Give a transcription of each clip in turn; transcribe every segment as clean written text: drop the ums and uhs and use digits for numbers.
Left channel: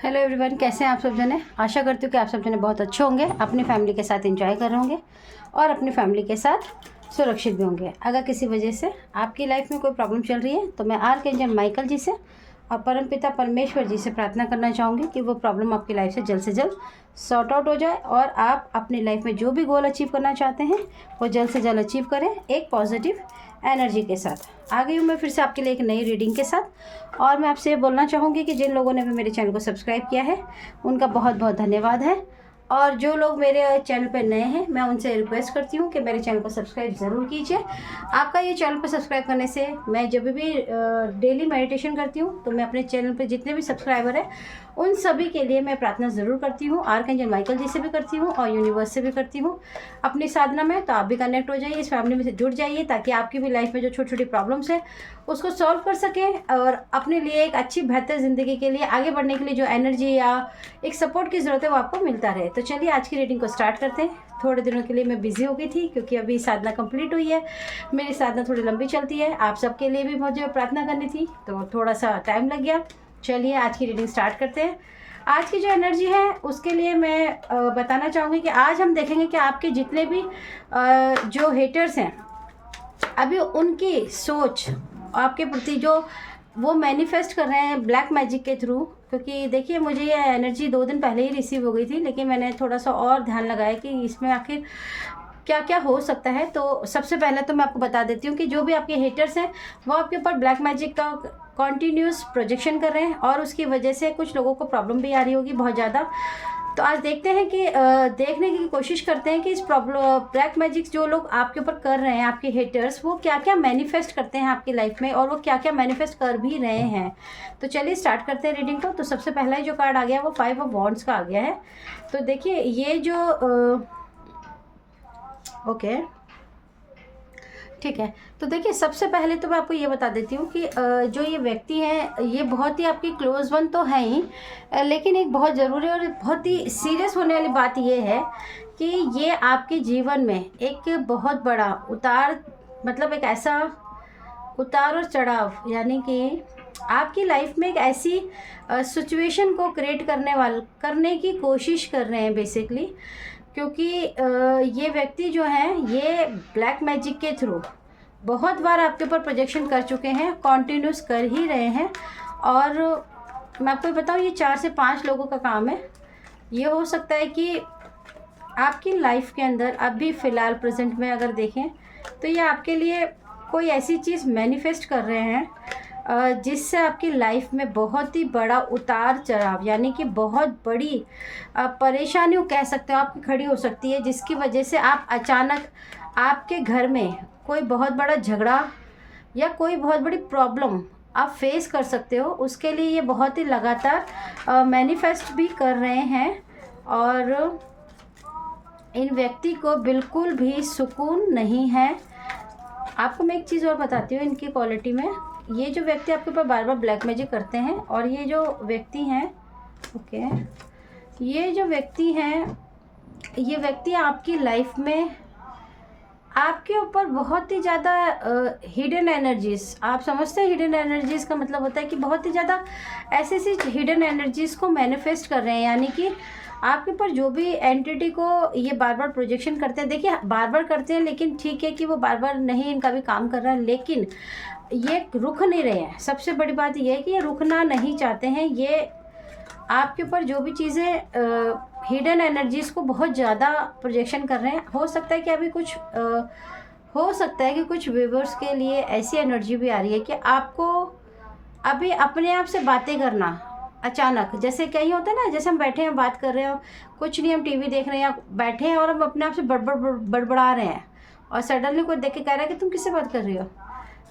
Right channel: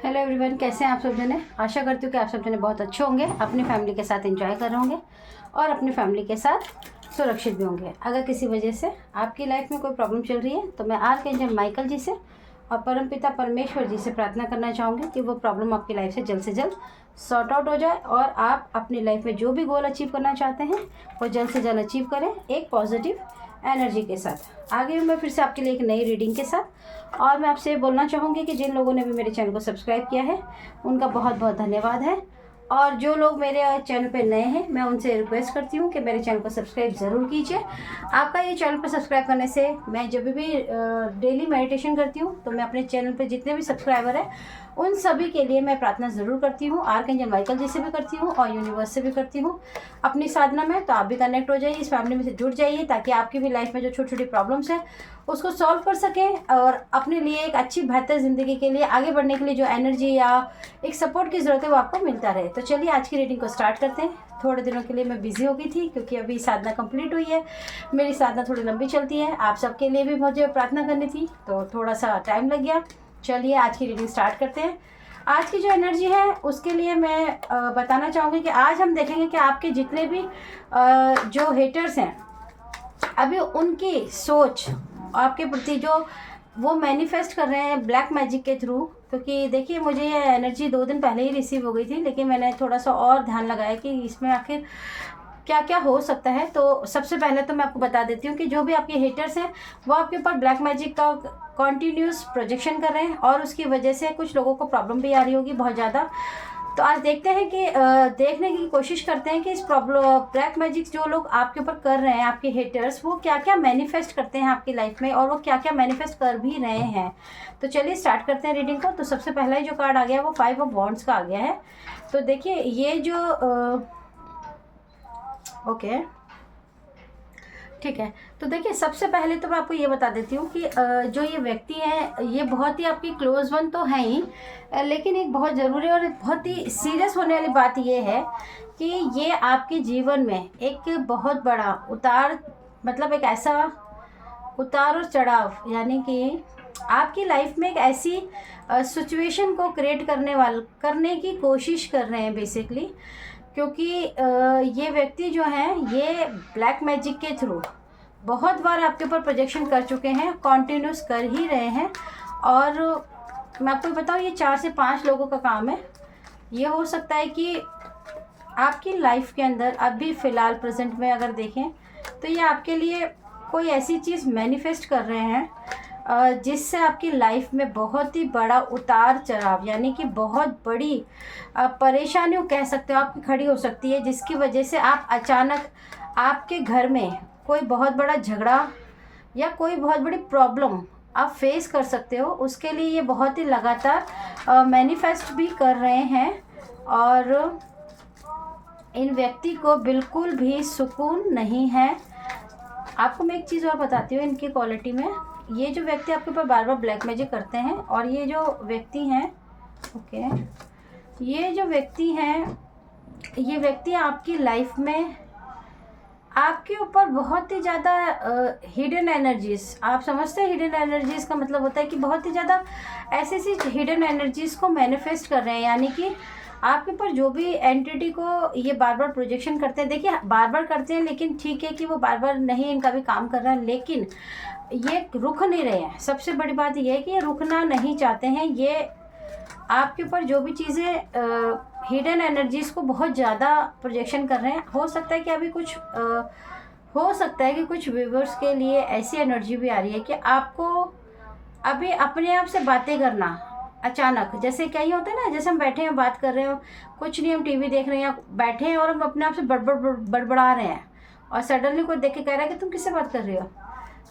Hello everyone, कैसे हैं आप सब जने। आशा करती हूँ कि आप सब जने बहुत अच्छे होंगे, अपनी फैमिली के साथ एंजॉय कर रहे होंगे और अपनी फैमिली के साथ सुरक्षित भी होंगे। अगर किसी वजह से आपकी लाइफ में कोई प्रॉब्लम चल रही है तो मैं आर्कएंजल माइकल जी से और परमपिता परमेश्वर जी से प्रार्थना करना चाहूँगी कि वो प्रॉब्लम आपकी लाइफ से जल्द सॉर्ट आउट हो जाए और आप अपनी लाइफ में जो भी गोल अचीव करना चाहते हैं वो जल्द से जल्द अचीव करें एक पॉजिटिव एनर्जी के साथ। आ गई हूँ मैं फिर से आपके लिए एक नई रीडिंग के साथ। और मैं आपसे बोलना चाहूँगी कि जिन लोगों ने भी मेरे चैनल को सब्सक्राइब किया है उनका बहुत बहुत धन्यवाद है, और जो लोग मेरे चैनल पर नए हैं मैं उनसे रिक्वेस्ट करती हूँ कि मेरे चैनल को सब्सक्राइब ज़रूर कीजिए। आपका ये चैनल पर सब्सक्राइब करने से मैं जब भी डेली मेडिटेशन करती हूँ तो मैं अपने चैनल पर जितने भी सब्सक्राइबर हैं उन सभी के लिए मैं प्रार्थना ज़रूर करती हूँ। आर्कएंजल माइकल जी से भी करती हूँ और यूनिवर्स से भी करती हूँ अपनी साधना में। तो आप भी कनेक्ट हो जाइए, इस फैमिली में से जुड़ जाइए ताकि आपकी भी लाइफ में जो छोटी छोटी प्रॉब्लम्स है उसको सॉल्व कर सकें और अपने लिए एक अच्छी बेहतर ज़िंदगी के लिए आगे बढ़ने के लिए जो एनर्जी या एक सपोर्ट की ज़रूरत है वो आपको मिलता रहे। तो चलिए आज की रीडिंग को स्टार्ट करते हैं। थोड़े दिनों के लिए मैं बिज़ी हो गई थी क्योंकि अभी साधना कंप्लीट हुई है। मेरी साधना थोड़ी लंबी चलती है, आप सबके लिए भी मुझे प्रार्थना करनी थी तो थोड़ा सा टाइम लग गया। चलिए आज की रीडिंग स्टार्ट करते हैं। आज की जो एनर्जी है उसके लिए मैं बताना चाहूँगी कि आज हम देखेंगे कि आपके जितने भी जो हेटर्स हैं अभी उनकी सोच आपके प्रति जो वो मैनिफेस्ट कर रहे हैं ब्लैक मैजिक के थ्रू। क्योंकि देखिए मुझे ये एनर्जी 2 दिन पहले ही रिसीव हो गई थी, लेकिन मैंने थोड़ा सा और ध्यान लगाया कि इसमें आखिर क्या क्या हो सकता है। तो सबसे पहले तो मैं आपको बता देती हूँ कि जो भी आपके हेटर्स हैं वो आपके ऊपर ब्लैक मैजिक का कॉन्टीन्यूस प्रोजेक्शन कर रहे हैं और उसकी वजह से कुछ लोगों को प्रॉब्लम भी आ रही होगी बहुत ज़्यादा। तो आज देखते हैं कि देखने की कोशिश करते हैं कि इस प्रॉब्लम ब्लैक मैजिक जो लोग आपके ऊपर कर रहे हैं आपके हेटर्स वो क्या क्या मैनिफेस्ट करते हैं आपकी लाइफ में और वो क्या क्या मैनिफेस्ट कर भी रहे हैं। तो चलिए स्टार्ट करते हैं रीडिंग को। तो सबसे पहला जो कार्ड आ गया वो 5 ऑफ वॉन्ड्स का आ गया है। तो देखिए ये जो ओके ठीक है, तो देखिए सबसे पहले तो मैं आपको ये बता देती हूँ कि जो ये व्यक्ति है ये बहुत ही आपकी क्लोज वन तो है ही, लेकिन एक बहुत ज़रूरी और बहुत ही सीरियस होने वाली बात ये है कि ये आपके जीवन में एक बहुत बड़ा उतार, मतलब एक ऐसा उतार और चढ़ाव, यानी कि आपकी लाइफ में एक ऐसी सिचुएशन को क्रिएट करने की कोशिश कर रहे हैं बेसिकली। क्योंकि ये व्यक्ति जो हैं ये ब्लैक मैजिक के थ्रू बहुत बार आपके ऊपर प्रोजेक्शन कर चुके हैं, कॉन्टिन्यूस कर ही रहे हैं। और मैं आपको बताऊँ ये 4 से 5 लोगों का काम है। ये हो सकता है कि आपकी लाइफ के अंदर अभी फ़िलहाल प्रेजेंट में अगर देखें तो ये आपके लिए कोई ऐसी चीज़ मैनिफेस्ट कर रहे हैं जिससे आपकी लाइफ में बहुत ही बड़ा उतार चढ़ाव, यानी कि बहुत बड़ी परेशानियों कह सकते हो आपकी खड़ी हो सकती है, जिसकी वजह से आप अचानक आपके घर में कोई बहुत बड़ा झगड़ा या कोई बहुत बड़ी प्रॉब्लम आप फेस कर सकते हो। उसके लिए ये बहुत ही लगातार मैनिफेस्ट भी कर रहे हैं और इन व्यक्ति को बिल्कुल भी सुकून नहीं है। आपको मैं एक चीज़ और बताती हूँ इनकी क्वालिटी में। ये जो व्यक्ति आपके ऊपर बार बार ब्लैक मैजिक करते हैं और ये जो व्यक्ति हैं ये जो व्यक्ति हैं ये व्यक्ति आपकी लाइफ में आपके ऊपर बहुत ही ज़्यादा हिडन एनर्जीज़, आप समझते हैं हिडन एनर्जीज़ का मतलब होता है कि बहुत ही ज़्यादा ऐसी हिडन एनर्जीज़ को मैनिफेस्ट कर रहे हैं। यानी कि आपके ऊपर जो भी एंटिटी को ये बार बार प्रोजेक्शन करते हैं, देखिए बार बार करते हैं लेकिन ठीक है कि वो बार बार नहीं इनका भी काम कर रहा है, लेकिन ये रुक नहीं रहे हैं। सबसे बड़ी बात ये है कि ये रुकना नहीं चाहते हैं। ये आपके ऊपर जो भी चीज़ें हिडन एनर्जीज़ को बहुत ज़्यादा प्रोजेक्शन कर रहे हैं। हो सकता है कि अभी कुछ हो सकता है कि कुछ व्यूअर्स के लिए ऐसी एनर्जी भी आ रही है कि आपको अभी अपने आप से बातें करना अचानक, जैसे कहीं होता है ना, जैसे हम बैठे हैं बात कर रहे हो, कुछ नहीं हम टीवी देख रहे हैं या बैठे हैं और हम अपने आप से बड़बड़ा रहे हैं और सडनली कोई देख के कह रहा है कि तुम किससे बात कर रही हो।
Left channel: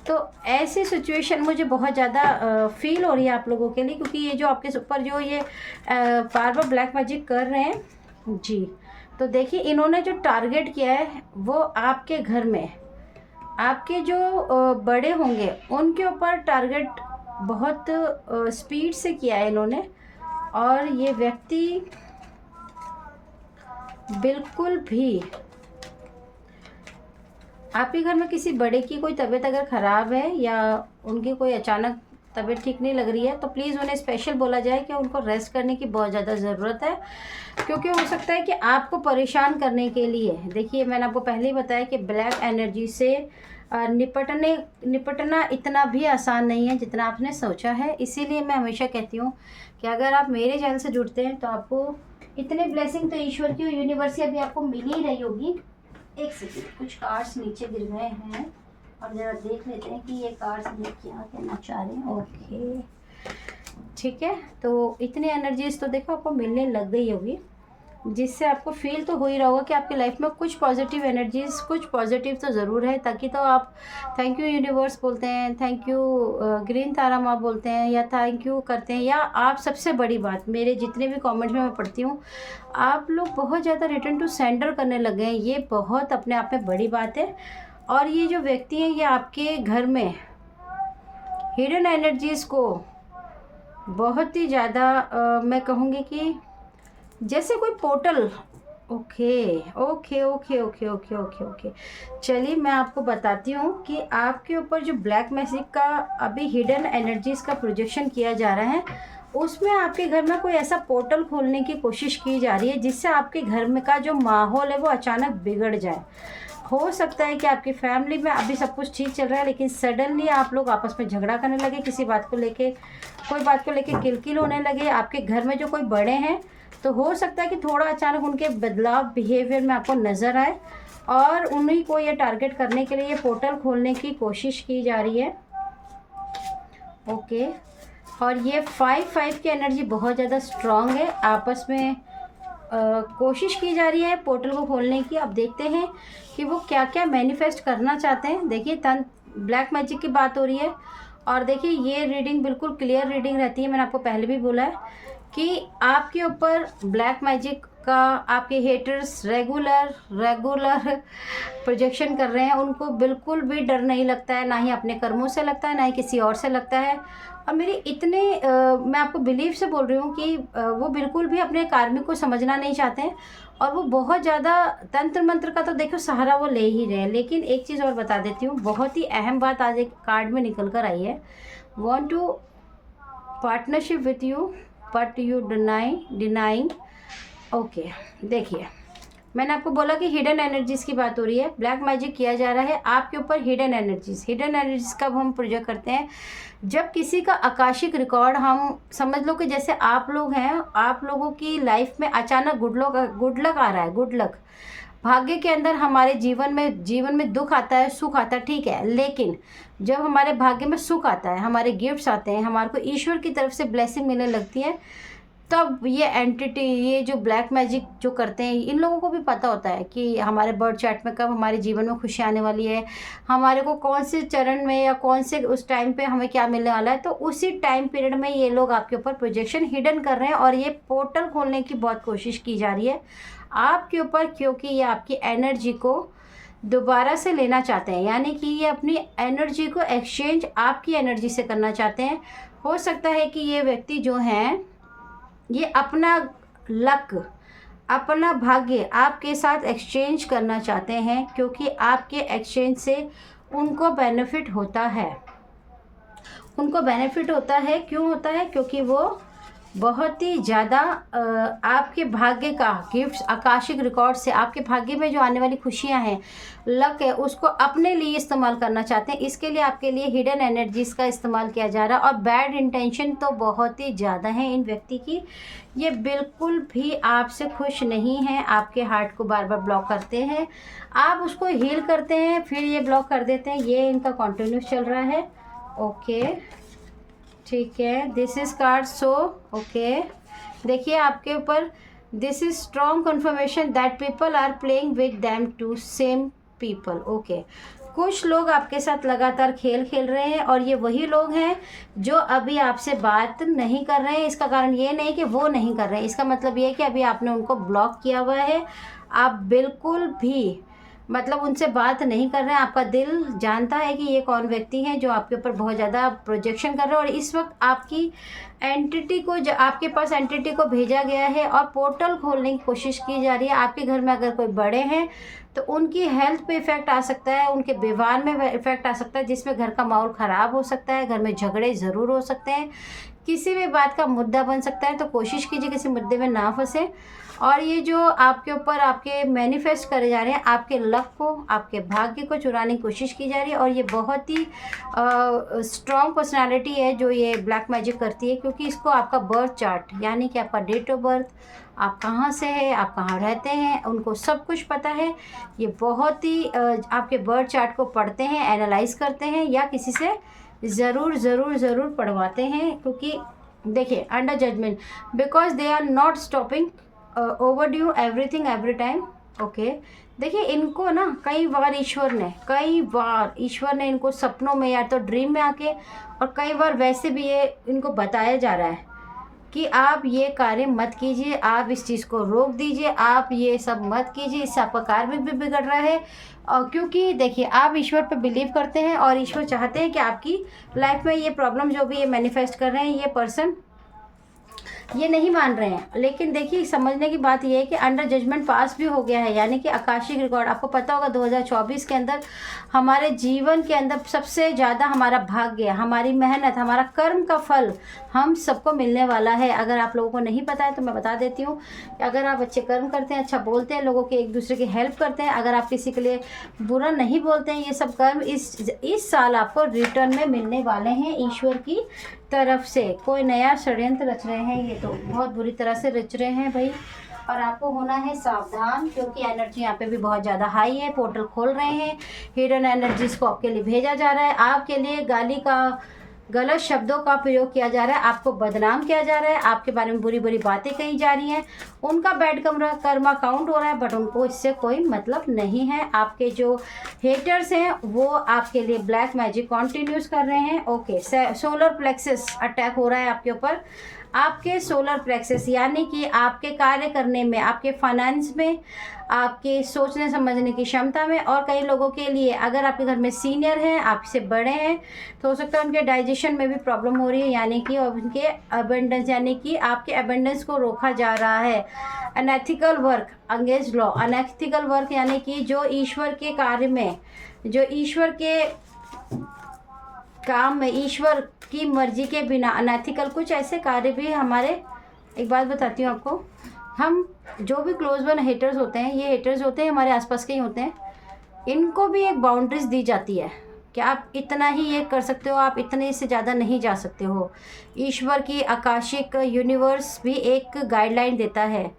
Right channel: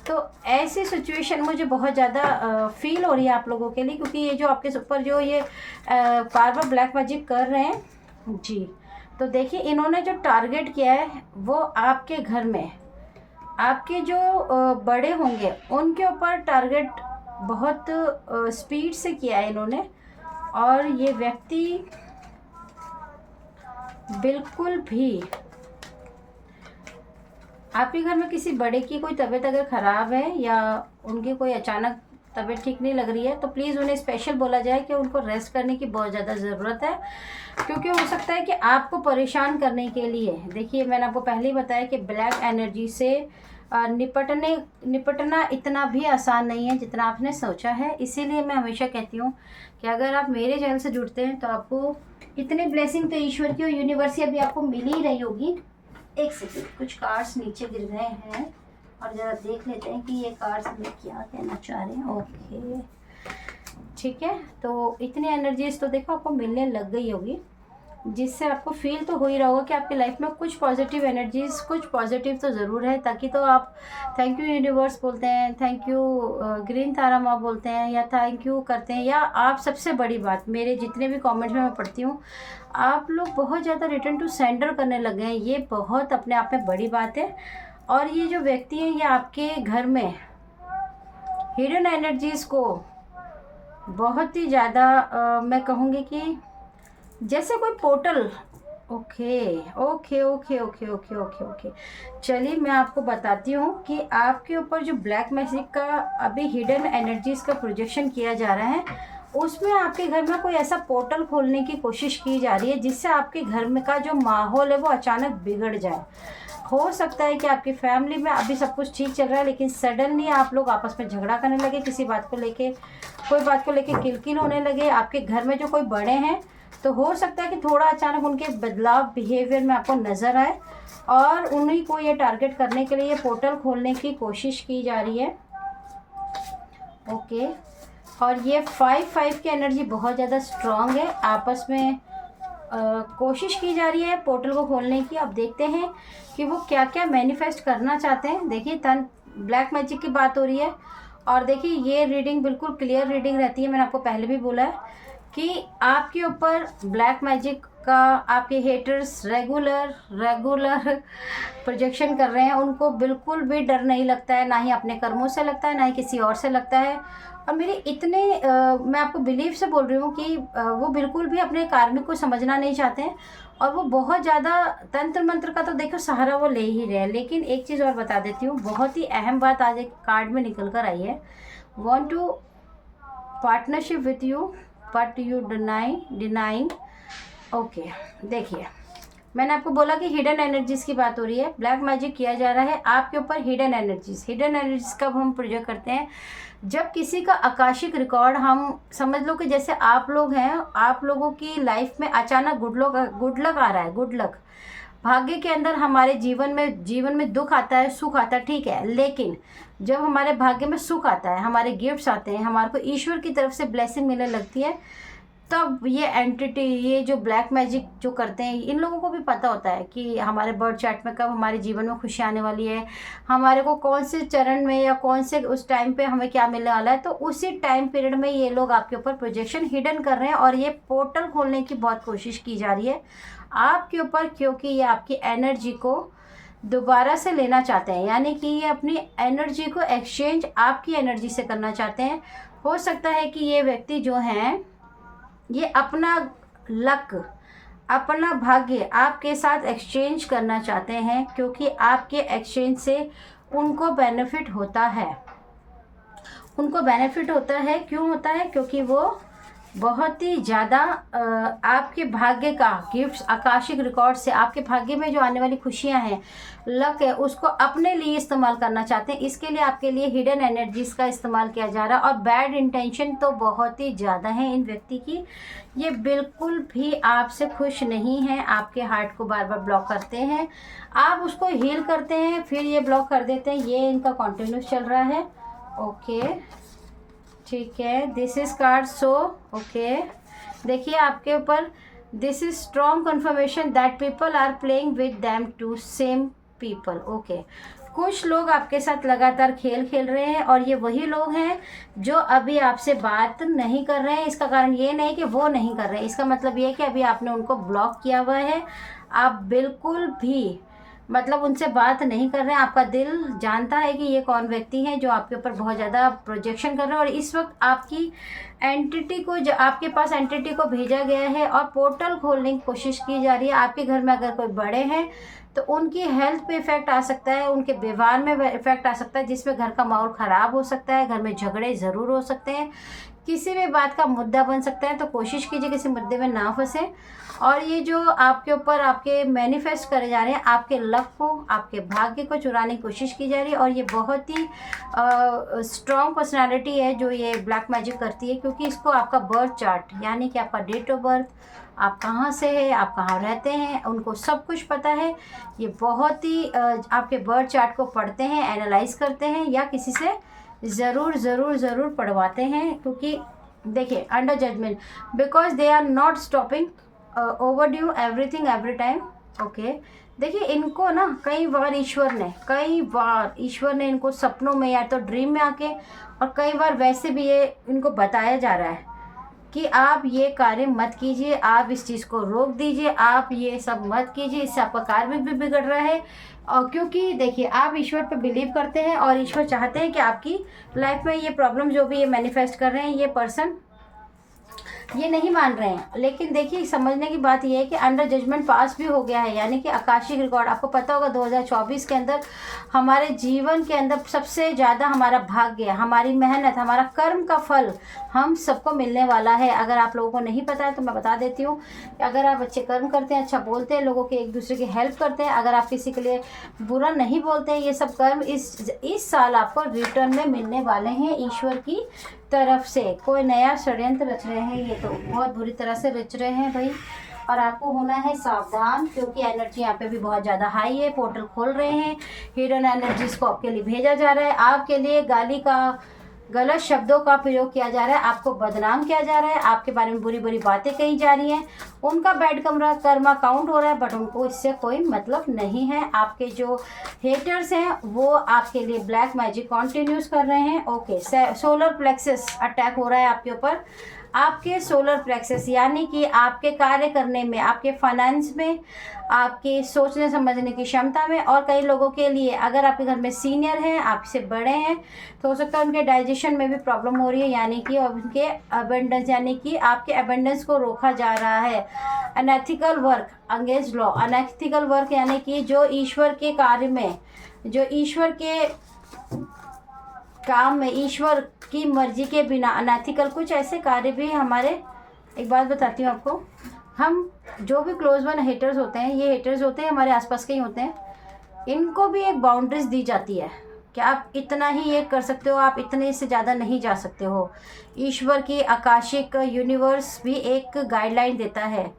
तो ऐसी सिचुएशन मुझे बहुत ज़्यादा फील हो रही है आप लोगों के लिए, क्योंकि ये जो आपके ऊपर जो ये बार बार ब्लैक मैजिक कर रहे हैं जी। तो देखिए इन्होंने जो टारगेट किया है वो आपके घर में आपके जो बड़े होंगे उनके ऊपर टारगेट बहुत स्पीड से किया है इन्होंने। और ये व्यक्ति बिल्कुल भी आपके घर में किसी बड़े की कोई तबीयत अगर ख़राब है या उनकी कोई अचानक तबीयत ठीक नहीं लग रही है, तो प्लीज़ उन्हें स्पेशल बोला जाए कि उनको रेस्ट करने की बहुत ज़्यादा ज़रूरत है, क्योंकि हो सकता है कि आपको परेशान करने के लिए, देखिए मैंने आपको पहले ही बताया कि ब्लैक एनर्जी से निपटना इतना भी आसान नहीं है जितना आपने सोचा है। इसीलिए मैं हमेशा कहती हूँ कि अगर आप मेरे चैनल से जुड़ते हैं तो आपको इतने ब्लेसिंग तो ईश्वर की और यूनिवर्स की अभी आपको मिल ही रही होगी। एक सेकेंड, कुछ कार्ड्स नीचे गिर गए हैं और ज़रा देख लेते हैं कि ये कार्ड्स हमें क्या कहना चाह रहे हैं। ओके, ठीक है, तो इतनी एनर्जीज तो देखो आपको मिलने लग गई होगी, जिससे आपको फील तो हो ही रहा होगा कि आपकी लाइफ में कुछ पॉजिटिव एनर्जीज, कुछ पॉजिटिव तो ज़रूर है। ताकि तो आप थैंक यू यूनिवर्स बोलते हैं, थैंक यू ग्रीन तारा माँ बोलते हैं, या थैंक यू करते हैं, या आप सबसे बड़ी बात, मेरे जितने भी कमेंट्स में मैं पढ़ती हूँ, आप लोग बहुत ज़्यादा रिटर्न टू सेंडर करने लगे हैं। ये बहुत अपने आप में बड़ी बात है। और ये जो व्यक्ति हैं ये आपके घर में हिडन एनर्जीज़ को बहुत ही ज़्यादा मैं कहूँगी कि जैसे कोई portal. Okay okay okay okay okay okay okay, चलिए मैं आपको बताती हूँ कि आपके ऊपर जो ब्लैक मैजिक का अभी हिडन एनर्जीज़ का प्रोजेक्शन किया जा रहा है, उसमें आपके घर में कोई ऐसा पोर्टल खोलने की कोशिश की जा रही है जिससे आपके घर में का जो माहौल है वो अचानक बिगड़ जाए। हो सकता है कि आपकी फैमिली में अभी सब कुछ ठीक चल रहा है, लेकिन सडनली आप लोग आपस में झगड़ा करने लगे, किसी बात को लेके, कोई बात को लेके किलकिल होने लगे। आपके घर में जो कोई बड़े हैं तो हो सकता है कि थोड़ा अचानक उनके बदलाव बिहेवियर में आपको नज़र आए और उन्हीं को ये टारगेट करने के लिए ये पोर्टल खोलने की कोशिश की जा रही है। ओके, और ये 5-5 की एनर्जी बहुत ज़्यादा स्ट्रॉन्ग है। आपस में कोशिश की जा रही है पोर्टल को खोलने की। अब देखते हैं कि वो क्या क्या मैनिफेस्ट करना चाहते हैं। देखिए ब्लैक मैजिक की बात हो रही है, और देखिए ये रीडिंग बिल्कुल क्लियर रीडिंग रहती है। मैंने आपको पहले भी बोला है कि आपके ऊपर ब्लैक मैजिक का आपके हेटर्स रेगुलर प्रोजेक्शन कर रहे हैं। उनको बिल्कुल भी डर नहीं लगता है, ना ही अपने कर्मों से लगता है, ना ही किसी और से लगता है। और मेरी इतने मैं आपको बिलीव से बोल रही हूँ कि वो बिल्कुल भी अपने कार्मिक को समझना नहीं चाहते हैं, और वो बहुत ज़्यादा तंत्र मंत्र का तो देखो सहारा वो ले ही रहे हैं। लेकिन एक चीज़ और बता देती हूँ, बहुत ही अहम बात आज एक कार्ड में निकल कर आई है। Want to partnership with you but you denying. Okay, देखिए मैंने आपको बोला कि हिडन एनर्जीज़ की बात हो रही है, ब्लैक मैजिक किया जा रहा है आपके ऊपर हिडन एनर्जीज़ कब हम प्रोजेक्ट करते हैं, जब किसी का आकाशिक रिकॉर्ड, हम समझ लो कि जैसे आप लोग हैं, आप लोगों की लाइफ में अचानक गुड लक आ रहा है, गुड लक भाग्य के अंदर हमारे जीवन में दुख आता है, सुख आता है, ठीक है, लेकिन जब हमारे भाग्य में सुख आता है, हमारे गिफ्ट्स आते हैं, हमारे को ईश्वर की तरफ से ब्लेसिंग मिलने लगती है, तब ये एंटिटी, ये जो ब्लैक मैजिक जो करते हैं, इन लोगों को भी पता होता है कि हमारे बर्थ चार्ट में कब हमारे जीवन में खुशी आने वाली है, हमारे को कौन से चरण में या कौन से उस टाइम पे हमें क्या मिलने वाला है। तो उसी टाइम पीरियड में ये लोग आपके ऊपर प्रोजेक्शन हिडन कर रहे हैं, और ये पोर्टल खोलने की बहुत कोशिश की जा रही है आपके ऊपर, क्योंकि ये आपकी एनर्जी को दोबारा से लेना चाहते हैं, यानी कि ये अपनी एनर्जी को एक्सचेंज आपकी एनर्जी से करना चाहते हैं। हो सकता है कि ये व्यक्ति जो हैं ये अपना लक, अपना भाग्य आपके साथ एक्सचेंज करना चाहते हैं, क्योंकि आपके एक्सचेंज से उनको बेनिफिट होता है। क्यों होता है? क्योंकि वो बहुत ही ज़्यादा आपके भाग्य का गिफ्ट्स, आकाशिक रिकॉर्ड से आपके भाग्य में जो आने वाली खुशियां हैं, लक है, उसको अपने लिए इस्तेमाल करना चाहते हैं। इसके लिए आपके लिए हिडन एनर्जीज़ का इस्तेमाल किया जा रहा है, और बैड इंटेंशन तो बहुत ही ज़्यादा है इन व्यक्ति की। ये बिल्कुल भी आपसे खुश नहीं है, आपके हार्ट को बार बार ब्लॉक करते हैं, आप उसको हील करते हैं फिर ये ब्लॉक कर देते हैं। ये इनका कॉन्टिन्यूस चल रहा है। ओके, ठीक है, this is card so. Okay, देखिए आपके ऊपर this is strong confirmation that people are playing with them to same people. Okay, कुछ लोग आपके साथ लगातार खेल खेल रहे हैं, और ये वही लोग हैं जो अभी आपसे बात नहीं कर रहे हैं। इसका कारण ये नहीं कि वो नहीं कर रहे हैं, इसका मतलब ये है कि अभी आपने उनको ब्लॉक किया हुआ है। आप बिल्कुल भी मतलब उनसे बात नहीं कर रहे हैं। आपका दिल जानता है कि ये कौन व्यक्ति है जो आपके ऊपर बहुत ज़्यादा प्रोजेक्शन कर रहे हैं, और इस वक्त आपकी एंटिटी को, जो आपके पास एंटिटी को भेजा गया है और पोर्टल खोलने की कोशिश की जा रही है। आपके घर में अगर कोई बड़े हैं तो उनकी हेल्थ पे इफ़ेक्ट आ सकता है, उनके व्यवहार में इफ़ेक्ट आ सकता है, जिसमें घर का माहौल ख़राब हो सकता है, घर में झगड़े ज़रूर हो सकते हैं, किसी भी बात का मुद्दा बन सकता है। तो कोशिश कीजिए किसी मुद्दे में ना फंसे। और ये जो आपके ऊपर आपके मैनिफेस्ट करे जा रहे हैं, आपके लक को, आपके भाग्य को चुराने की कोशिश की जा रही है। और ये बहुत ही स्ट्रॉन्ग पर्सनालिटी है जो ये ब्लैक मैजिक करती है, क्योंकि इसको आपका बर्थ चार्ट, यानी कि आपका डेट ऑफ बर्थ, आप कहाँ से है, आप कहाँ रहते हैं, उनको सब कुछ पता है। ये बहुत ही आपके बर्थ चार्ट को पढ़ते हैं, एनालाइज करते हैं, या किसी से ज़रूर ज़रूर ज़रूर पढ़वाते हैं। क्योंकि देखिए, under judgement, because they are not stopping over due everything every time. Okay, देखिए इनको ना कई बार ईश्वर ने इनको सपनों में या तो ड्रीम में आके, और कई बार वैसे भी ये इनको बताया जा रहा है कि आप ये कार्य मत कीजिए, आप इस चीज़ को रोक दीजिए, आप ये सब मत कीजिए, इससे आपका कार्य भी बिगड़ रहा है। और क्योंकि देखिए, आप ईश्वर पे बिलीव करते हैं और ईश्वर चाहते हैं कि आपकी लाइफ में ये प्रॉब्लम जो भी ये मैनिफेस्ट कर रहे हैं, ये पर्सन ये नहीं मान रहे हैं। लेकिन देखिए, समझने की बात यह है कि अंडर जजमेंट पास भी हो गया है, यानी कि आकाशिक रिकॉर्ड। आपको पता होगा 2024 के अंदर हमारे जीवन के अंदर सबसे ज़्यादा हमारा भाग्य, हमारी मेहनत, हमारा कर्म का फल हम सबको मिलने वाला है। अगर आप लोगों को नहीं पता है तो मैं बता देती हूँ कि अगर आप अच्छे कर्म करते हैं, अच्छा बोलते हैं, लोगों के एक दूसरे की हेल्प करते हैं, अगर आप किसी के लिए बुरा नहीं बोलते हैं, ये सब कर्म इस साल आपको रिटर्न में मिलने वाले हैं ईश्वर की तरफ से। कोई नया षड्यंत्र रच रहे हैं, ये तो बहुत बुरी तरह से रच रहे हैं भाई। और आपको होना है सावधान, क्योंकि एनर्जी यहाँ पे भी बहुत ज़्यादा हाई है। पोर्टल खोल रहे हैं, हिडन एनर्जीज को आपके लिए भेजा जा रहा है, आपके लिए गाली का, गलत शब्दों का प्रयोग किया जा रहा है, आपको बदनाम किया जा रहा है, आपके बारे में बुरी बुरी बातें कही जा रही हैं, उनका बैड कर्मा काउंट हो रहा है, बट उनको इससे कोई मतलब नहीं है। आपके जो हेटर्स हैं वो आपके लिए ब्लैक मैजिक कंटिन्यूस कर रहे हैं। ओके, सोलर प्लेक्सस अटैक हो रहा है आपके ऊपर। आपके सोलर प्लेक्सस यानी कि आपके कार्य करने में, आपके फाइनेंस में, आपके सोचने समझने की क्षमता में, और कई लोगों के लिए अगर आपके घर में सीनियर हैं, आपसे बड़े हैं, तो हो सकता है उनके डाइजेशन में भी प्रॉब्लम हो रही है, यानी कि उनके अबेंडेंस, यानी कि आपके अबेंडेंस को रोका जा रहा है। Unethical work against law, unethical work यानी कि जो ईश्वर के कार्य में, जो ईश्वर के काम में, ईश्वर की मर्जी के बिना अनएथिकल कुछ ऐसे कार्य भी हमारे, एक बात बताती हूँ आपको, हम जो भी क्लोज वन हेटर्स होते हैं, ये हेटर्स होते हैं हमारे आसपास के ही होते हैं, इनको भी एक बाउंड्रीज दी जाती है कि आप इतना ही ये कर सकते हो, आप इतने से ज़्यादा नहीं जा सकते हो। ईश्वर की आकाशिक यूनिवर्स भी एक गाइडलाइन देता है,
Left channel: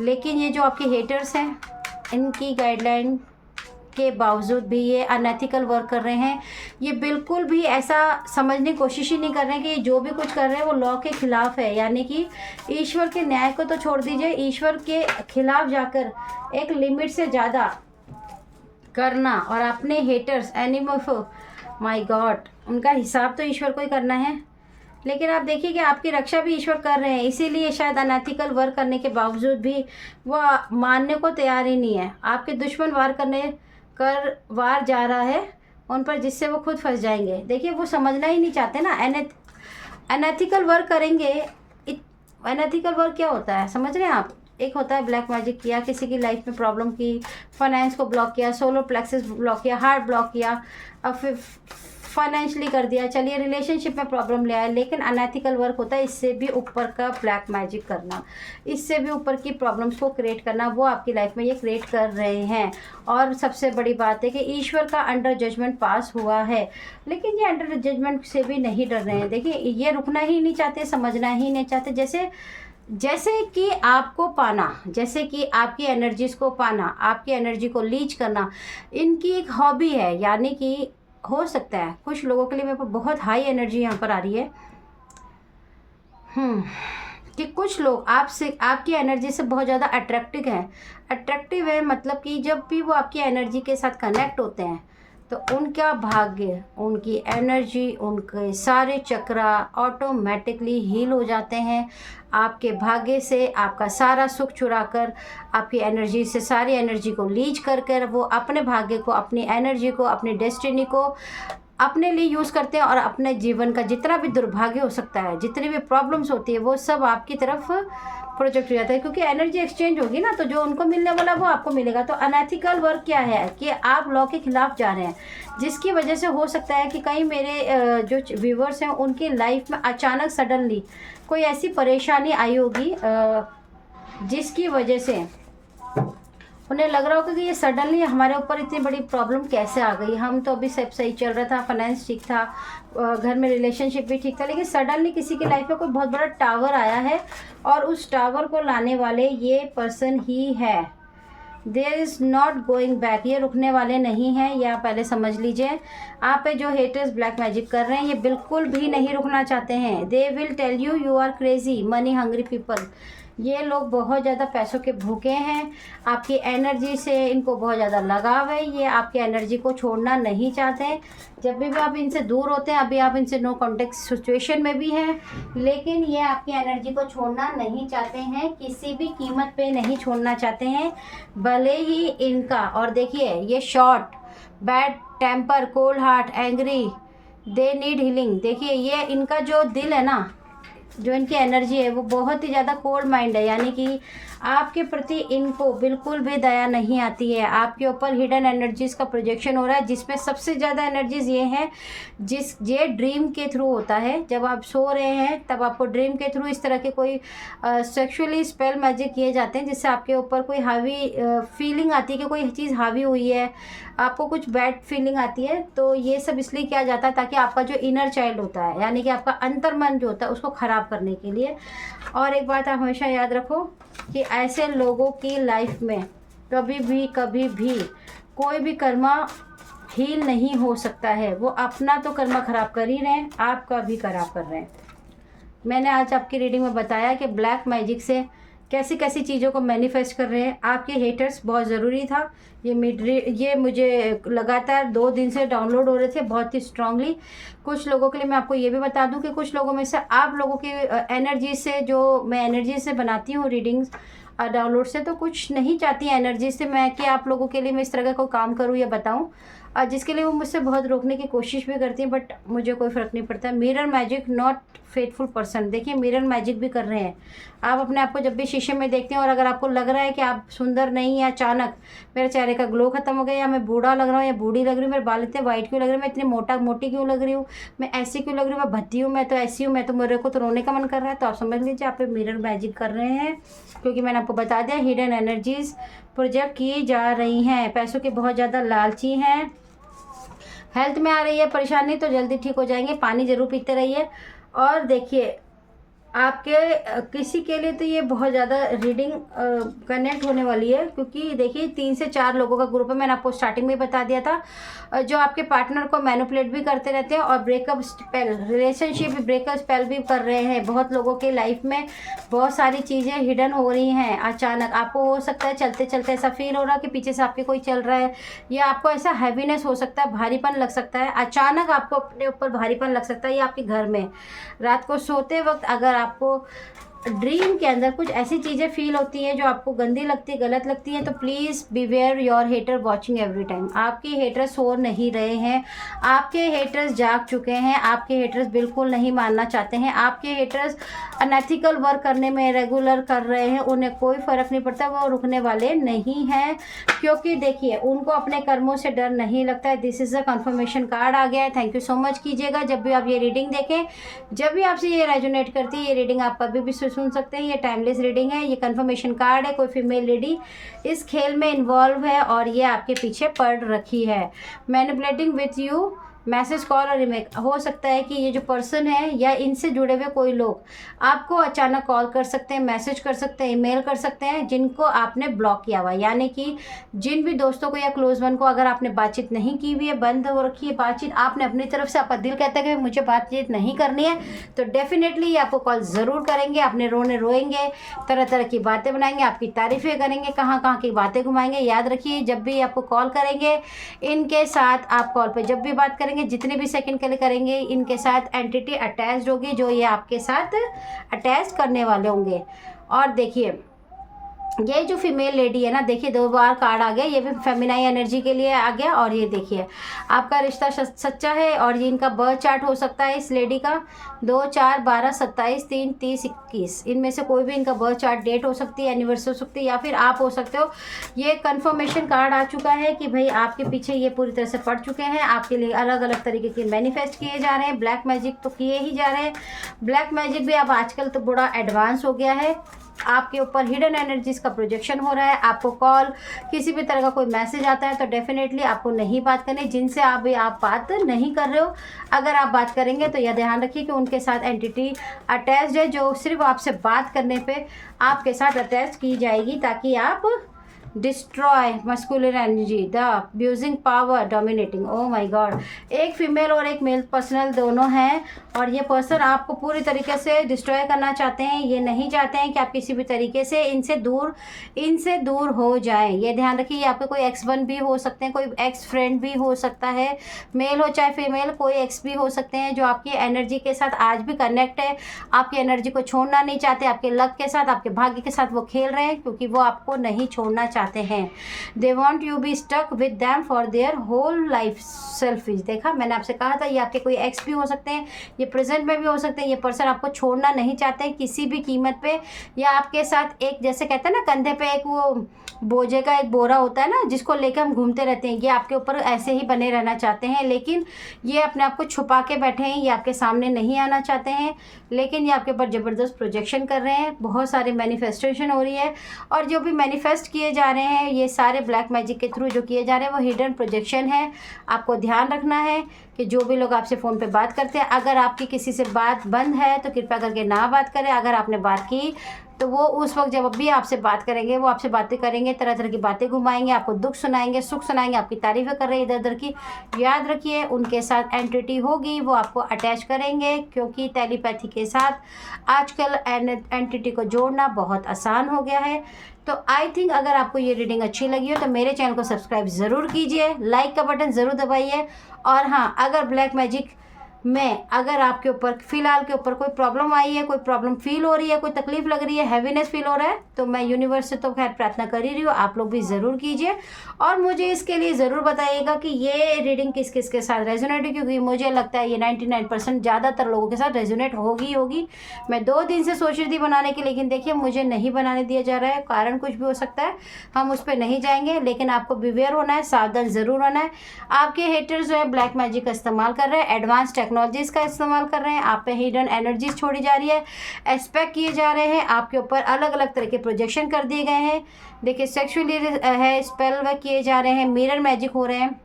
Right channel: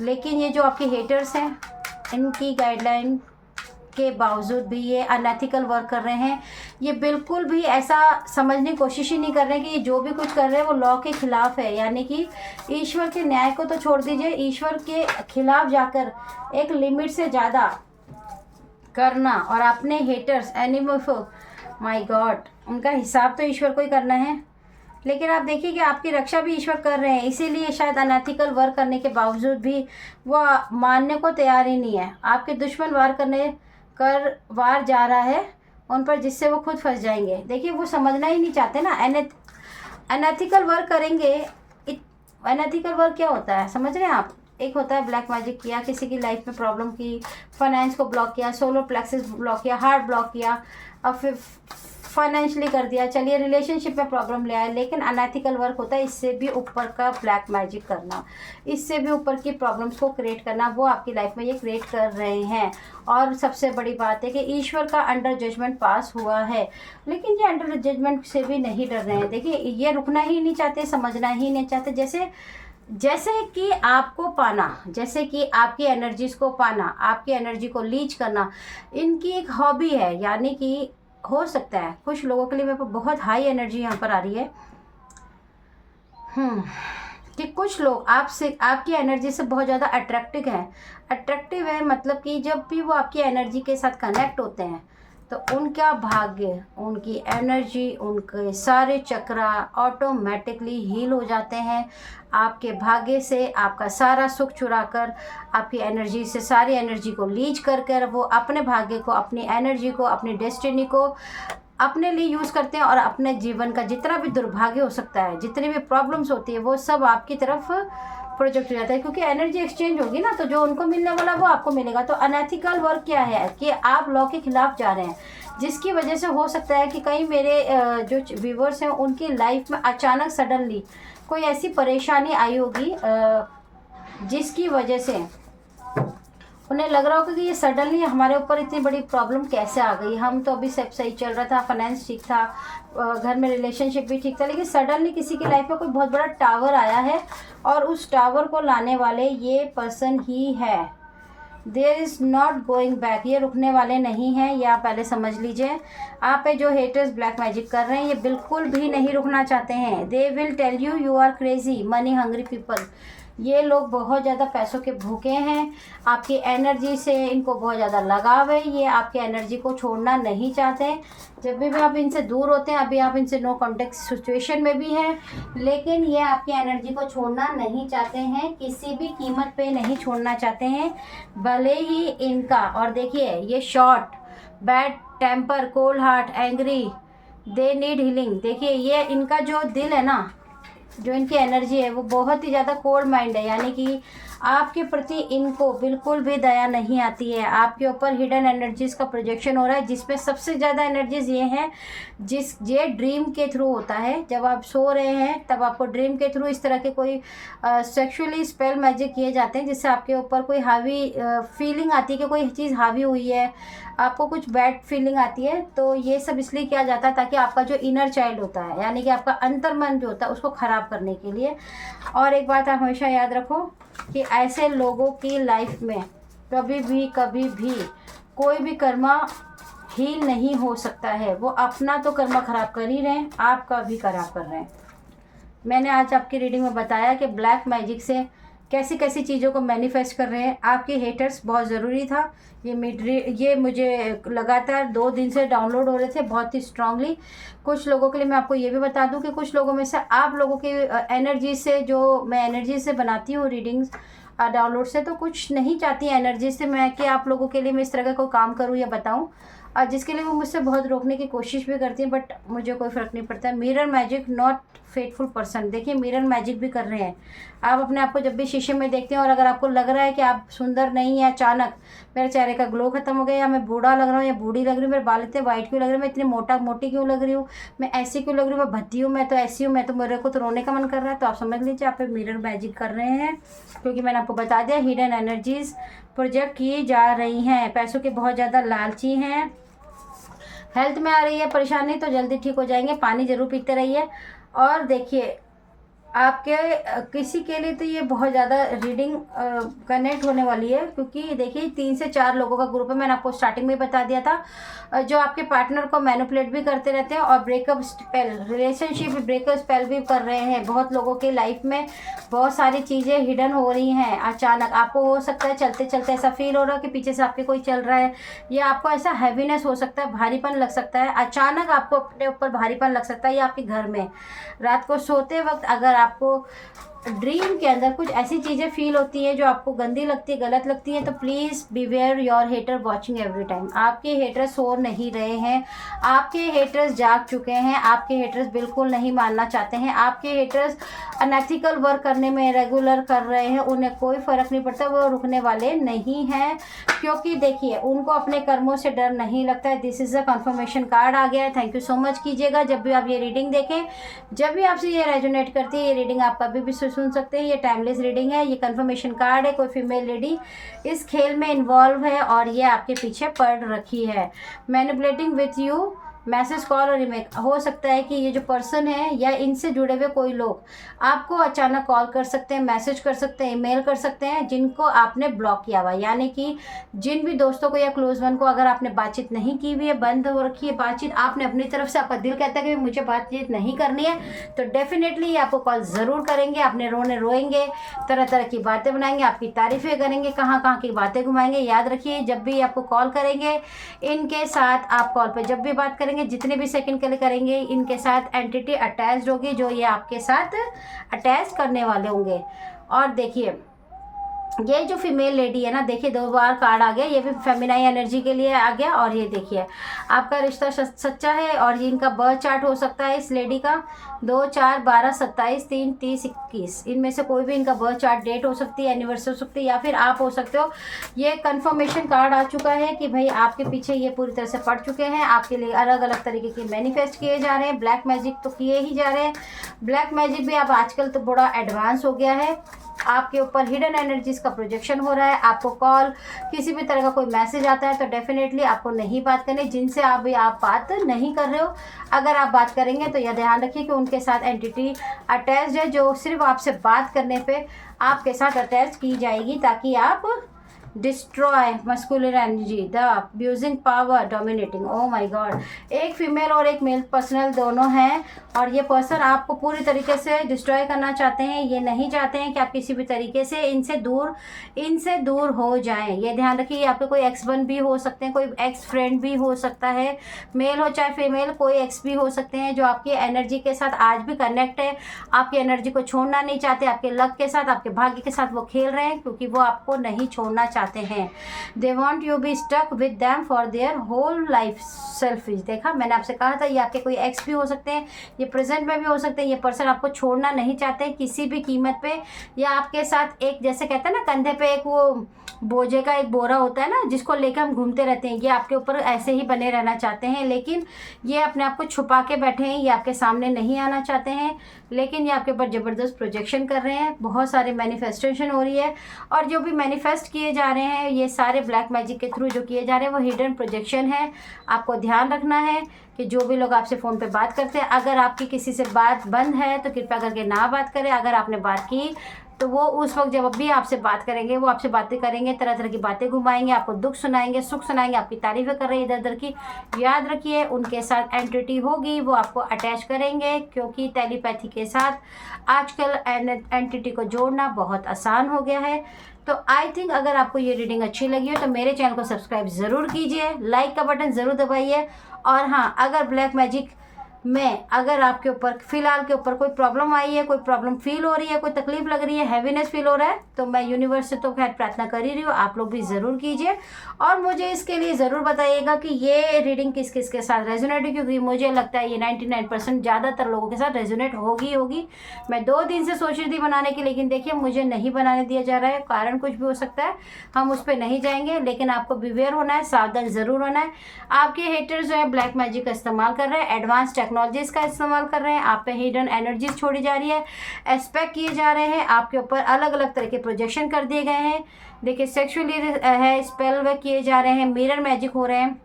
लेकिन ये जो आपके हेटर्स हैं, इनकी गाइडलाइन के बावजूद भी ये अनएथिकल वर्क कर रहे हैं। ये बिल्कुल भी ऐसा समझने की कोशिश ही नहीं कर रहे हैं कि जो भी कुछ कर रहे हैं वो लॉ के खिलाफ है, यानी कि ईश्वर के न्याय को तो छोड़ दीजिए, ईश्वर के खिलाफ जाकर एक लिमिट से ज़्यादा करना, और अपने हेटर्स, एनिमल, माय गॉड, उनका हिसाब तो ईश्वर को ही करना है। लेकिन आप देखिए कि आपकी रक्षा भी ईश्वर कर रहे हैं, इसीलिए शायद अनएथिकल वर्क करने के बावजूद भी वो मानने को तैयार ही नहीं है। आपके दुश्मन वार जा रहा है उन पर, जिससे वो खुद फंस जाएंगे। देखिए, वो समझना ही नहीं चाहते ना। अनएथिकल वर्क करेंगे। अनएथिकल वर्क क्या होता है, समझ रहे हैं आप? एक होता है ब्लैक मैजिक किया, किसी की लाइफ में प्रॉब्लम की, फाइनेंस को ब्लॉक किया, सोलर प्लेक्सस ब्लॉक किया, हार्ट ब्लॉक किया, और फिर फाइनेंशियली कर दिया, चलिए रिलेशनशिप में प्रॉब्लम ले आए। लेकिन अनएथिकल वर्क होता है इससे भी ऊपर का ब्लैक मैजिक करना, इससे भी ऊपर की प्रॉब्लम्स को क्रिएट करना, वो आपकी लाइफ में ये क्रिएट कर रहे हैं। और सबसे बड़ी बात है कि ईश्वर का अंडर जजमेंट पास हुआ है, लेकिन ये अंडर जजमेंट से भी नहीं डर रहे हैं। देखिए, ये रुकना ही नहीं चाहते, समझना ही नहीं चाहते। जैसे कि आपको पाना, जैसे कि आपकी एनर्जीज को पाना, आपकी एनर्जी को लीच करना, इनकी एक हॉबी है। यानी कि हो सकता है कुछ लोगों के लिए, मेरे को बहुत हाई एनर्जी यहाँ पर आ रही है कि कुछ लोग आपसे, आपकी एनर्जी से बहुत ज़्यादा अट्रैक्टिव है। मतलब कि जब भी वो आपकी एनर्जी के साथ कनेक्ट होते हैं तो उनका भाग्य, उनकी एनर्जी, उनके सारे चक्रा ऑटोमेटिकली हील हो जाते हैं। आपके भाग्य से आपका सारा सुख चुराकर, आपकी एनर्जी से सारी एनर्जी को लीच कर कर वो अपने भाग्य को, अपनी एनर्जी को, अपनी डेस्टिनी को अपने लिए यूज़ करते हैं, और अपने जीवन का जितना भी दुर्भाग्य हो सकता है, जितनी भी प्रॉब्लम्स होती है, वो सब आपकी तरफ प्रोजेक्ट हो जाता है। क्योंकि एनर्जी एक्सचेंज होगी ना, तो जो उनको मिलने वाला वो आपको मिलेगा। तो अनएथिकल वर्क क्या है कि आप लॉ के खिलाफ जा रहे हैं, जिसकी वजह से हो सकता है कि कई मेरे जो व्यूवर्स हैं उनकी लाइफ में अचानक सडनली कोई ऐसी परेशानी आई होगी जिसकी वजह से उन्हें लग रहा होगा कि ये सडनली हमारे ऊपर इतनी बड़ी प्रॉब्लम कैसे आ गई। हम तो अभी सब सही चल रहा था, फाइनेंस ठीक था, घर में रिलेशनशिप भी ठीक था, लेकिन सडनली किसी की लाइफ में कोई बहुत बड़ा टावर आया है, और उस टावर को लाने वाले ये पर्सन ही है। There is not going back, ये रुकने वाले नहीं हैं, ये आप पहले समझ लीजिए। आप पे जो हेटर्स ब्लैक मैजिक कर रहे हैं, ये बिल्कुल भी नहीं रुकना चाहते हैं। They will tell you you are crazy, money hungry people. ये लोग बहुत ज़्यादा पैसों के भूखे हैं, आपकी एनर्जी से इनको बहुत ज़्यादा लगाव है, ये आपकी एनर्जी को छोड़ना नहीं चाहते। जब भी आप इनसे दूर होते हैं, अभी आप इनसे नो कॉन्टेक्ट सिचुएशन में भी हैं, लेकिन ये आपकी एनर्जी को छोड़ना नहीं चाहते हैं, किसी भी कीमत पे नहीं छोड़ना चाहते हैं, भले ही इनका। और देखिए ये short, bad temper, cold heart, angry, they need healing. देखिए ये इनका जो दिल है ना, जो इनकी एनर्जी है, वो बहुत ही ज़्यादा कोल्ड माइंड है, यानी कि आपके प्रति इनको बिल्कुल भी दया नहीं आती है। आपके ऊपर हिडन एनर्जीज का प्रोजेक्शन हो रहा है, जिसमें सबसे ज़्यादा एनर्जीज ये हैं, ये ड्रीम के थ्रू होता है। जब आप सो रहे हैं तब आपको ड्रीम के थ्रू इस तरह के कोई सेक्सुअली स्पेल मैजिक किए जाते हैं, जिससे आपके ऊपर कोई हावी फीलिंग आती है कि कोई चीज़ हावी हुई है, आपको कुछ बैड फीलिंग आती है। तो ये सब इसलिए किया जाता है ताकि आपका जो इनर चाइल्ड होता है, यानी कि आपका अंतर्मन जो होता है, उसको ख़राब करने के लिए। और एक बात आप हमेशा याद रखो कि ऐसे लोगों की लाइफ में कभी भी कोई भी कर्मा हील नहीं हो सकता है। वो अपना तो कर्मा ख़राब कर ही रहे हैं, आपका भी खराब कर रहे हैं। मैंने आज आपकी रीडिंग में बताया कि ब्लैक मैजिक से कैसी कैसी चीज़ों को मैनिफेस्ट कर रहे हैं। आपके हेटर्स बहुत ज़रूरी था, ये मुझे लगातार 2 दिन से डाउनलोड हो रहे थे बहुत ही स्ट्रांगली। कुछ लोगों के लिए मैं आपको ये भी बता दूं कि कुछ लोगों में से आप लोगों की एनर्जी से, जो मैं एनर्जी से बनाती हूँ रीडिंग्स डाउनलोड से, तो कुछ नहीं चाहती हैं एनर्जी से मैं कि आप लोगों के लिए मैं इस तरह का कोई काम करूँ या बताऊँ, और जिसके लिए वो मुझसे बहुत रोकने की कोशिश भी करती हैं, बट मुझे कोई फ़र्क नहीं पड़ता। Mirror magic not faithful person. देखिए मिरर मैजिक भी कर रहे हैं। आप अपने आप को जब भी शीशे में देखते हैं और अगर आपको लग रहा है कि आप सुंदर नहीं हैं, अचानक मेरे चेहरे का ग्लो खत्म हो गया, या मैं बूढ़ा लग रहा हूँ या बूढ़ी लग रही हूँ, मेरे बाल इतने वाइट क्यों लग रहे हैं, मैं इतनी मोटी क्यों लग रही हूँ, मैं ऐसी क्यों लग रही हूँ, मैं भद्दी हूँ, मैं तो ऐसी हूँ, मैं तो, मेरे को तो रोने का मन कर रहा है, तो आप समझ लीजिए आप मिरर मैजिक कर रहे हैं। क्योंकि मैंने आपको बता दिया हिडन एनर्जीज प्रोजेक्ट की जा रही हैं, पैसों के बहुत ज़्यादा लालची हैं, हेल्थ में आ रही है परेशानी तो जल्दी ठीक हो जाएंगे, पानी ज़रूर पीते रहिए। और देखिए आपके किसी के लिए तो ये बहुत ज़्यादा रीडिंग कनेक्ट होने वाली है, क्योंकि देखिए 3 से 4 लोगों का ग्रुप है। मैंने आपको स्टार्टिंग में बता दिया था, जो आपके पार्टनर को मैनिपुलेट भी करते रहते हैं और breakup spell, relationship breakup spell भी कर रहे हैं। बहुत लोगों के लाइफ में बहुत सारी चीज़ें हिडन हो रही हैं। अचानक आपको हो सकता है चलते चलते ऐसा फील हो रहा है कि पीछे से आपके कोई चल रहा है, या आपको ऐसा हैवीनेस हो सकता है, भारीपन लग सकता है, अचानक आपको अपने ऊपर भारीपन लग सकता है, या आपके घर में रात को सोते वक्त अगर आपको ड्रीम के अंदर कुछ ऐसी चीज़ें फील होती है जो आपको गंदी लगती है, गलत लगती है, तो please beware your hater watching every time. आपके हेटर्स सो नहीं रहे हैं, आपके हेटर्स जाग चुके हैं, आपके हेटर्स बिल्कुल नहीं मानना चाहते हैं, आपके हेटर्स अनएथिकल वर्क करने में रेगुलर कर रहे हैं, उन्हें कोई फ़र्क नहीं पड़ता, वो रुकने वाले नहीं हैं। क्योंकि देखिए उनको अपने कर्मों से डर नहीं लगता है। This is a confirmation card आ गया है। थैंक यू सो मच कीजिएगा जब भी आप ये रीडिंग देखें, जब भी आपसे ये रेजोनेट करती है ये रीडिंग आप कभी भी सुन सकते हैं। ये टाइमलेस रीडिंग है, ये कंफर्मेशन कार्ड है। कोई फीमेल लेडी इस खेल में इन्वॉल्व है और ये आपके पीछे पड़ रखी है। Manipulating with you message, call और ईमेल। हो सकता है कि ये जो पर्सन है या इनसे जुड़े हुए कोई लोग आपको अचानक कॉल कर सकते हैं, मैसेज कर सकते हैं, ईमेल कर सकते हैं, जिनको आपने ब्लॉक किया हुआ, यानी कि जिन भी दोस्तों को या क्लोज वन को अगर आपने बातचीत नहीं की हुई है, बंद हो रखी है बातचीत, आपने अपनी तरफ से, आपका दिल कहता है कि मुझे बातचीत नहीं करनी है, तो डेफिनेटली ये आपको कॉल ज़रूर करेंगे। आपने रोएंगे, तरह तरह की बातें बनाएंगे, आपकी तारीफ़ें करेंगे, कहाँ कहाँ की बातें घुमाएंगे। याद रखिए, जब भी आपको कॉल करेंगे, इनके साथ आप कॉल पे जब भी बात करेंगे, जितने भी सेकंड के लिए करेंगे, इनके साथ एंटिटी अटैच्ड होगी, जो ये आपके साथ अटैच करने वाले होंगे। और देखिए, ये जो फीमेल लेडी है ना, देखिए 2 बार कार्ड आ गया, ये भी फेमिनाइन एनर्जी के लिए आ गया। और ये देखिए, आपका रिश्ता सच्चा है और ये इनका बर्थ चार्ट हो सकता है इस लेडी का 2, 4, 12, 27, 3, 30, 21, इनमें से कोई भी इनका बर्थ चार्ट डेट हो सकती है, एनिवर्सरी हो सकती है, या फिर आप हो सकते हो। ये कंफर्मेशन कार्ड आ चुका है कि भाई आपके पीछे ये पूरी तरह से पड़ चुके हैं, आपके लिए अलग अलग तरीके के मैनिफेस्ट किए जा रहे हैं। ब्लैक मैजिक तो किए ही जा रहे हैं, ब्लैक मैजिक भी अब आजकल तो बड़ा एडवांस हो गया है। आपके ऊपर हिडन एनर्जीज का प्रोजेक्शन हो रहा है। आपको कॉल, किसी भी तरह का कोई मैसेज आता है तो डेफिनेटली आपको नहीं बात करनी, जिनसे आप बात नहीं कर रहे हो। अगर आप बात करेंगे तो यह ध्यान रखिए कि उनके साथ एंटिटी अटैच्ड है, जो सिर्फ आपसे बात करने पे आपके साथ अटैच की जाएगी, ताकि आप destroy masculine energy, the abusing power, dominating. Oh my God, एक फीमेल और एक मेल पर्सनल दोनों हैं, और ये पर्सन आपको पूरी तरीके से डिस्ट्रॉय करना चाहते हैं। ये नहीं चाहते हैं कि आप किसी भी तरीके से इनसे दूर हो जाएं। ये ध्यान रखिए, आपके कोई एक्स-1 भी हो सकते हैं, कोई एक्स फ्रेंड भी हो सकता है, मेल हो चाहे फीमेल, कोई एक्स भी हो सकते हैं, जो आपकी एनर्जी के साथ आज भी कनेक्ट है, आपकी एनर्जी को छोड़ना नहीं चाहते, आपके लक के साथ, आपके भाग्य के साथ वो खेल रहे हैं, क्योंकि वो आपको नहीं छोड़ना चाहते हैं। They want you be stuck with them for their whole life. Selfish, देखा मैंने आपसे कहा था, ये आपके कोई एक्स भी हो सकते हैं, ये प्रेजेंट में भी हो सकते हैं। ये पर्सन आपको छोड़ना नहीं चाहते हैं किसी भी कीमत पे, या आपके साथ एक, जैसे कहते हैं ना, कंधे पे एक वो बोझे का एक बोरा होता है ना, जिसको लेकर हम घूमते रहते हैं, ये आपके ऊपर ऐसे ही बने रहना चाहते हैं। लेकिन ये अपने आप को छुपा के बैठे हैं, ये आपके सामने नहीं आना चाहते हैं, लेकिन ये आपके ऊपर ज़बरदस्त प्रोजेक्शन कर रहे हैं। बहुत सारे मैनिफेस्टेशन हो रही है, और जो भी मैनिफेस्ट किए जा रहे हैं ये सारे ब्लैक मैजिक के थ्रू जो किए जा रहे हैं वो हिडन प्रोजेक्शन है। आपको ध्यान रखना है कि जो भी लोग आपसे फ़ोन पे बात करते हैं, अगर आपकी किसी से बात बंद है तो कृपया करके ना बात करें। अगर आपने बात की तो वो उस वक्त जब भी आपसे बात करेंगे, वो आपसे बातें करेंगे, तरह तरह की बातें घुमाएंगे, आपको दुख सुनाएंगे, सुख सुनाएंगे, आपकी तारीफ़ें कर रहे हैं इधर उधर की। याद रखिए, उनके साथ एंटिटी होगी, वो आपको अटैच करेंगे, क्योंकि टेलीपैथी के साथ आजकल एंटिटी को जोड़ना बहुत आसान हो गया है। तो आई थिंक अगर आपको ये रीडिंग अच्छी लगी हो तो मेरे चैनल को सब्सक्राइब ज़रूर कीजिए, लाइक का बटन ज़रूर दबाइए। और हाँ, अगर ब्लैक मैजिक में अगर आपके ऊपर फ़िलहाल के ऊपर कोई प्रॉब्लम आई है, कोई प्रॉब्लम फील हो रही है, कोई तकलीफ लग रही है, हैवीनेस फील हो रहा है, तो मैं यूनिवर्स से तो खैर प्रार्थना कर ही रही हूँ, आप लोग भी ज़रूर कीजिए और मुझे इसके लिए ज़रूर बताइएगा कि ये रीडिंग किस किस के साथ रेजोनेट है, क्योंकि मुझे लगता है ये 99% ज़्यादातर लोगों के साथ रेजोनेट होगी। मैं 2 दिन से सोच रही थी बनाने की, लेकिन देखिए मुझे नहीं बनाने दिया जा रहा है, कारण कुछ भी हो सकता है, हम उस पर नहीं जाएंगे। लेकिन आपको बिवेयर होना है, सावधान ज़रूर होना है। आपके हेटर्स जो है ब्लैक मैजिक का इस्तेमाल कर रहे हैं, एडवांस टेक्नोलॉजीज़ का इस्तेमाल कर रहे हैं, आप पे हिडन एनर्जीज छोड़ी जा रही है, एस्पेक्ट किए जा रहे हैं, आपके ऊपर अलग अलग तरह के प्रोजेक्शन कर दिए गए हैं। देखिए सेक्सुअली है, स्पेल वर्क किए जा रहे हैं, मिरर मैजिक हो रहे हैं,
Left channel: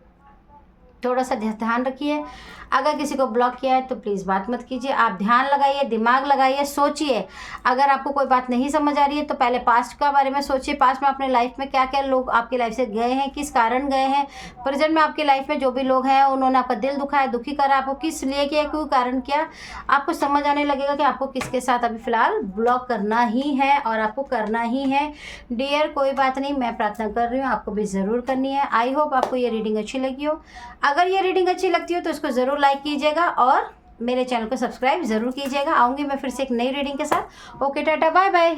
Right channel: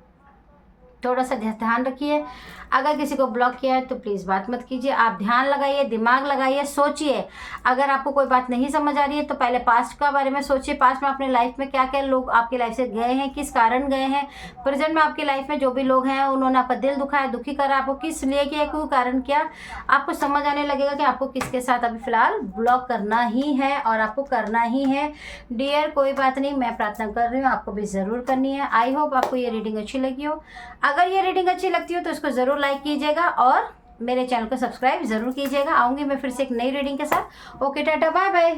थोड़ा सा ध्यान रखिए। अगर किसी को ब्लॉक किया है तो प्लीज़ बात मत कीजिए, आप ध्यान लगाइए, दिमाग लगाइए, सोचिए। अगर आपको कोई बात नहीं समझ आ रही है तो पहले पास्ट का बारे में सोचिए, पास्ट में अपने लाइफ में क्या क्या लोग आपकी लाइफ से गए हैं, किस कारण गए हैं। प्रेजेंट में आपकी लाइफ में जो भी लोग हैं उन्होंने आपका दिल दुखाया, दुखी करा, आपको किस लिए किया, कोई कारण क्या, आपको समझ आने लगेगा कि आपको किसके साथ अभी फ़िलहाल ब्लॉक करना ही है और आपको करना ही है। डियर कोई बात नहीं, मैं प्रार्थना कर रही हूँ, आपको भी ज़रूर करनी है। आई होप आपको ये रीडिंग अच्छी लगी हो। अगर ये रीडिंग अच्छी लगती हो तो इसको ज़रूर लाइक कीजिएगा और मेरे चैनल को सब्सक्राइब ज़रूर कीजिएगा। आऊँगी मैं फिर से एक नई रीडिंग के साथ। Okay, tata, bye bye.